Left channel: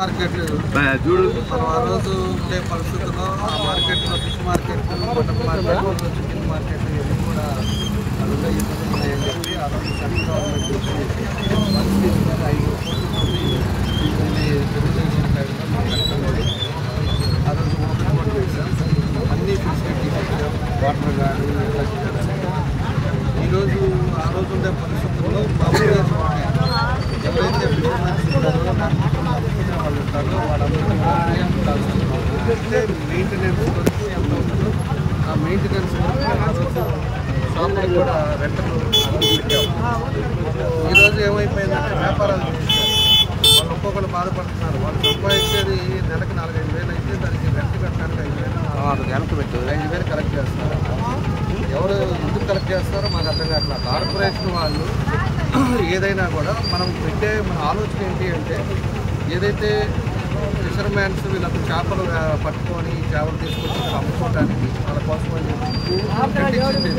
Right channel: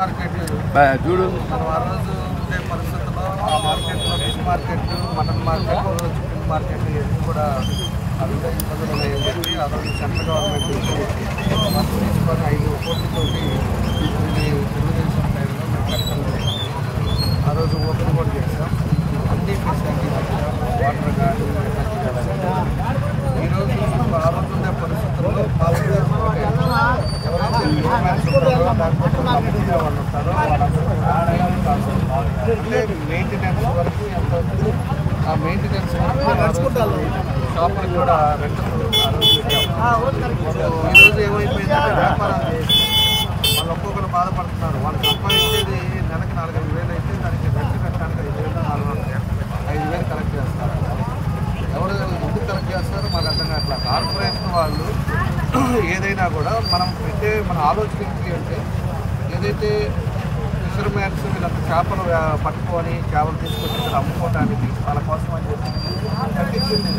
Market చూడు మనం ఆ రోజు ఉండే పరిస్థితుల్లో ఆ మార్కెట్లో fish market, mutton market, chicken market ఇవన్నీ కూడా అది ఉండే ఇబ్బందులు ఉన్నాయని చెప్పి ఆ రోజు సెంట్రల్ గవర్నమెంట్ నుంచి ఫండ్స్ తీసుకొని 5 కోట్లతోటి ఇది తెలుగుదేశం టైంలో మేము కట్టడం జరిగింది. ఆ రోజు ఓపెన్ కూడా చేసాం, అన్ని ఫెసిలిటీస్ ఇచ్చాం, వాటర్ కానీ ఎట్లా చేయాలనేది. ఈరోజు ఆ రోజు ఉండే పరిస్థితుల్లో మా ఉద్దేశం ఒకటే, ఎవరైతే ఫిషర్మ్యాన్స్ ఉంటారో లేకపోతే అమ్ముకునే వాళ్ళు ఉంటారో వాళ్ళందరూ కూడా అంటే మెయింటెనెన్స్ వరకు ఎంత అవుతుందో ఆ మెయింటెనెన్స్ వరకు ఆ రోజు షాపులకు కూడా రెంటలు ఆ రోజు పెట్టాము. ఈరోజు ఏమైపోయిందంటే వ్యాపారాలు చేసాం, వాళ్ళు ఒక్కొక్కరు బాధపడుతున్నారు. వాళ్ళు సంపాదించేది నెలకి 4-5 వేలు అయితే దానికి రెంట్ కట్టడానికి 5,000 4 వెనక్కి పెట్టి 5,000 కలెక్ట్ చేస్తున్నారు. ఎవరు ఎందుకు కలెక్ట్ చేస్తారో మాకు అర్థం కావట్లేదు. కార్పొరేషన్ వాళ్ళు ఏదైనా కూడా మన ఆలోచన ఏంటి అంటే, ఏదైతే ఫిషర్మ్యాన్స్ వీళ్ళంతా చేపలు పట్టుకొని చేపలు తీసుకొచ్చి ఇక్కడ అమ్ముకోవడానికి వాళ్ళ కోసం అని చెప్పి కట్టించింది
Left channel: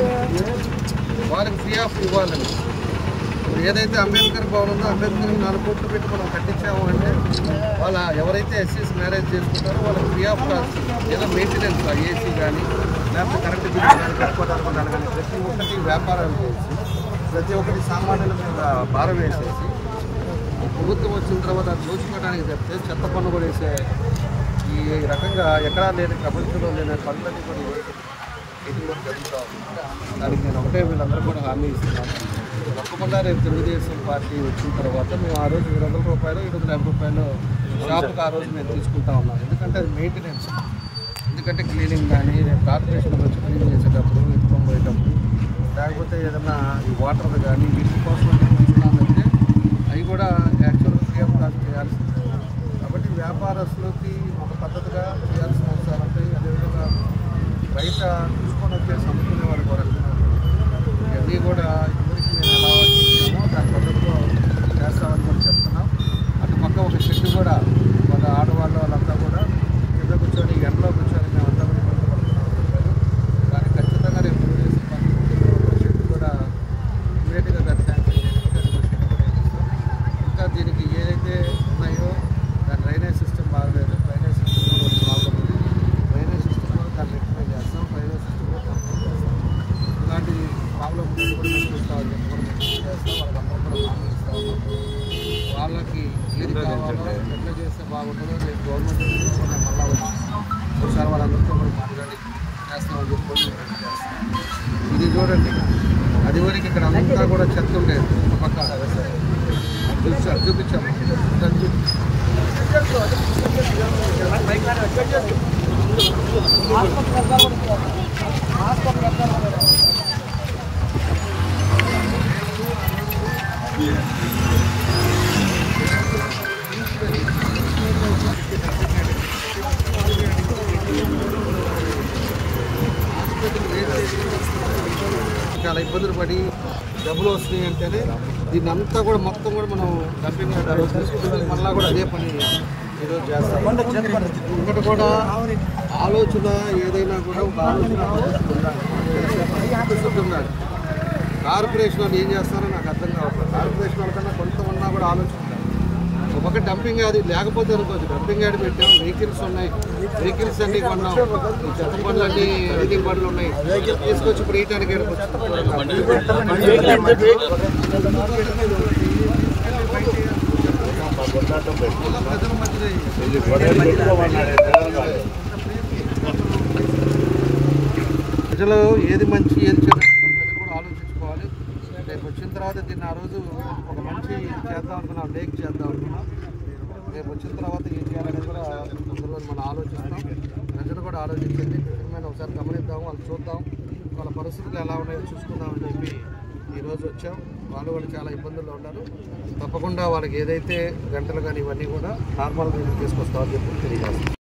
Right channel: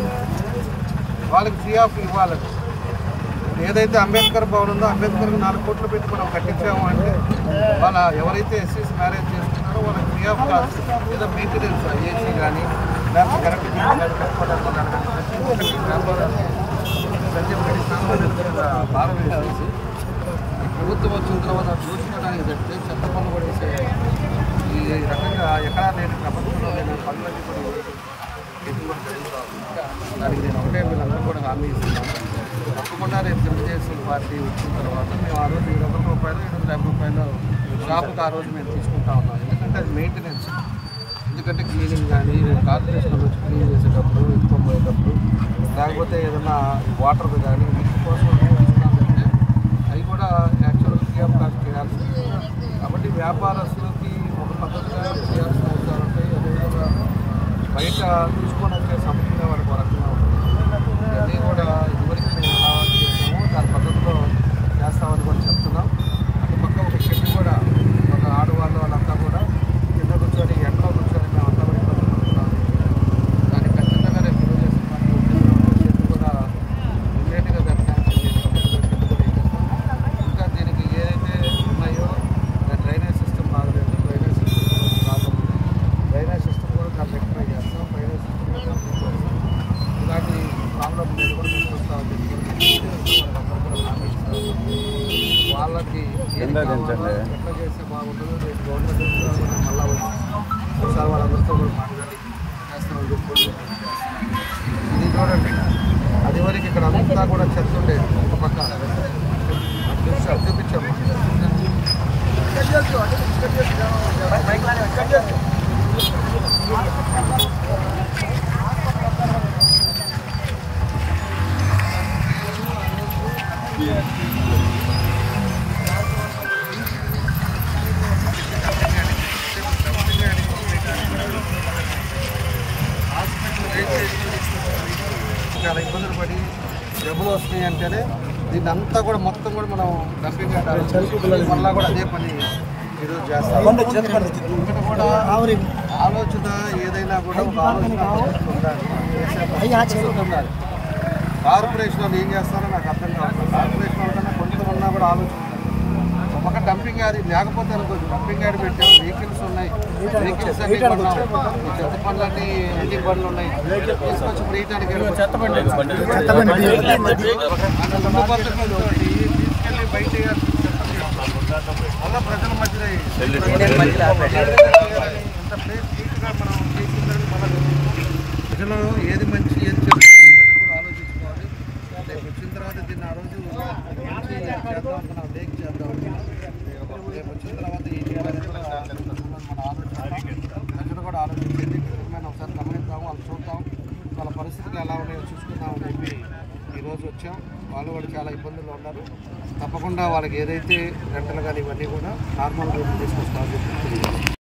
వాళ్ళకి ఫ్రీ ఆఫ్ ఇవ్వాలని. ఇప్పుడు ఏదైతే అంబేద్కర్ భవన్ ఉందో అంబేద్కర్కి 4 కోట్లు పెట్టి మనం కట్టించాము అంటే వాళ్ళ ఎవరైతే ఎస్సీస్ మ్యారేజ్ చేసుకుంటారో వాళ్ళకి ఫ్రీ ఆఫ్ కాస్ట్ ఏదో మెయింటెనెన్స్ ఏసీ కానీ లేకపోతే కరెంటు బిల్లు కానీ కట్టుకోవడానికి కానీ ప్రతి ఒక్కటి వ్యాపారాన్ని ప్రతి ఒక్కటి సామాన్యుల భారం వేసేసి ప్రభుత్వం వచ్చిన తర్వాత దోచుకోవడానికి చెప్తే చెత్త పన్ను కూడా వేసే ఈ రకంగా ఎక్కడా లేని ప్రపంచంలో లేని పనులన్నీ కూడా ఈరోజు ఇది కూడా జరుగుతూ ఉంది. దానికి నేను ఒకటే వీళ్ళందరూ కూడా హామీ ఇస్తున్నాను, తప్పకుండా రేపు తెలుగుదేశం పార్టీ వచ్చిన తర్వాత మేము ఆ రోజు 700 రూపాయలు 750 రూపాయలు షాపుకి ఆ రోజు మేము తీసుకుంటా ఉన్నాం. ఎందుకంటే అది మెయింటెనెన్స్, ఎందుకంటే క్లీనింగ్ కానీ రేపు కార్పొరేషన్లో వచ్చి క్లీన్ చేసేటప్పుడు ఎత్తుకొని పోయేటప్పుడు లేకపోతే ఏదైనా వాటర్ కానీ వీటి కోసం తీసుకున్నామంటే అవి కూడా యాక్చువల్గా ఫ్రీ ఆఫ్ కాస్ట్ చేయాల్సింది. కాబట్టి వ్యాపారస్తులకి ఒక పద్ధతిగా చేయాల్సిన అవసరాలు ఉంటాయి. అదేవిధంగా బయట తీసుకొని వచ్చే అమ్ముకునే వరకు రకంగా ఉంటుంది. ఇవన్నీ కూడా ఇదివరకు మేము ఎలా చేసామో దాని పద్ధతిలో చేస్తామని కూడా చెప్తున్నాం. అటు పక్క ఒక షెడ్ కూడా మన ఆడవాళ్ళు వాళ్ళంతా కూడా కింద కూర్చొని ఎండలో కూర్చొని మేమంతా కూడా ఇబ్బంది పడుతున్నామని చెప్పారు. దానికి ఖచ్చితంగా రేపు తెలుగుదేశం పార్టీ షెడ్ కూడా ఇమ్మీడియట్గా దాన్ని శాంక్షన్ చేసుకుంటే షెడ్ కూడా వేపిస్తాం. ఇంకా దీనికి ఏదైతే ఉన్నాయో దాని డ్రైనేజ్ సిస్టమ్ బాగలేదు, డ్రైనేజ్ సిస్టమ్ ప్రాబ్లం ఉంది. డ్రైనేజ్ సిస్టమ్ కూడా దాన్ని రెక్టిఫై చేస్తాం, డ్రైనేజ్ సిస్టమ్ కూడా కంప్లీట్ చేస్తాం. ఇలాంటి ప్రాబ్లం ఉండేది కూడా మేము చూస్తామని చెప్పి కూడా మేము చేస్తాం. వాళ్ళందరూ కూడా హామీ ఇస్తా ఉన్నాం. వాళ్ళకి ఏది కావాలో ఎట్లా చేస్తే బాగుంటుందో రేపు గవర్నమెంట్ ఇచ్చిన మళ్ళీ వచ్చి ఒకసారి వాళ్ళందరితో కూడా మాట్లాడి చేస్తామని చెప్పి కూడా చేస్తాం. ఇది చూడండి, అది వరకు ఇక్కడ అంతా కూడా చెత్త ఉండేది, ఒక పక్క చూపించాము. హాస్పిటల్ వేస్టేజ్ చాలా ఇబ్బందులు పడి డబ్బులు వస్తున్నాయి అంటేనే దీన్ని అంతా కూడా మొత్తం కూడా మనం డంపింగ్ యార్డ్ ఆలోచన మళ్ళీ కూడా అదే పని ఈరోజు చేస్తాం. ఇక్కడ కూడా ఆలోచన ఏదైనా కూడా ఒక ఆలోచన పద్ధతులు ఉండాలి, మనం చేసే పద్ధతి ఉండాలి. కార్పొరేషన్ వాళ్ళు ఏం చేస్తారో నాకు అర్థం కావట్లేదు. కార్పొరేషన్ వాళ్ళకన్నా కొంతమన్నా కూడా ఆలోచన ఉండాలి. ఒక పక్క డంపింగ్ యార్డ్ లేకపోతే అనుకోవచ్చు, డంపింగ్ యార్డ్ పెట్టాం, వెహికల్స్ ఉన్నాయి, వెహికల్స్ అన్నీ కొన్నాం, ఈ చెత్త పనులన్నీ అన్ని బండ్లు ఉన్నాయి, తీసుకొచ్చి ఇప్పుడు వేయటానికి ప్రజల ప్రజలు ఏది మంచి ఏది చెడు ప్రజలు కూడా ఆలోచించుకోవాలి. రేపు వచ్చిన తర్వాత దీన్ని ఆ రోజు ఒక మంచి చేద్దాం అనుకున్నాం, లేక్ చేద్దాం. రేపు వచ్చిన తర్వాత ఏం చేయాలని కూడా అందులో మనం ఆలోచిస్తాం. ప్రజలు కూడా ఆలోచించేది మనం ఒకసారి గమనిద్దాము, వాళ్ళు చూద్దాం, వాళ్ళ పరిస్థితులు ఎలా ఉన్నాయో చూసుకుందామని చెప్పి ఈరోజు వచ్చాం. వాళ్ళు కూడా చాలా ఇబ్బందుల్లో ఉన్నారు. తప్పకుండా వాళ్ళకి ఏదైతే గంటలు కానీ ఇవన్నీ కూడా నార్మల్గా తీసుకొస్తామని చెప్పి తెలియజేస్తాం.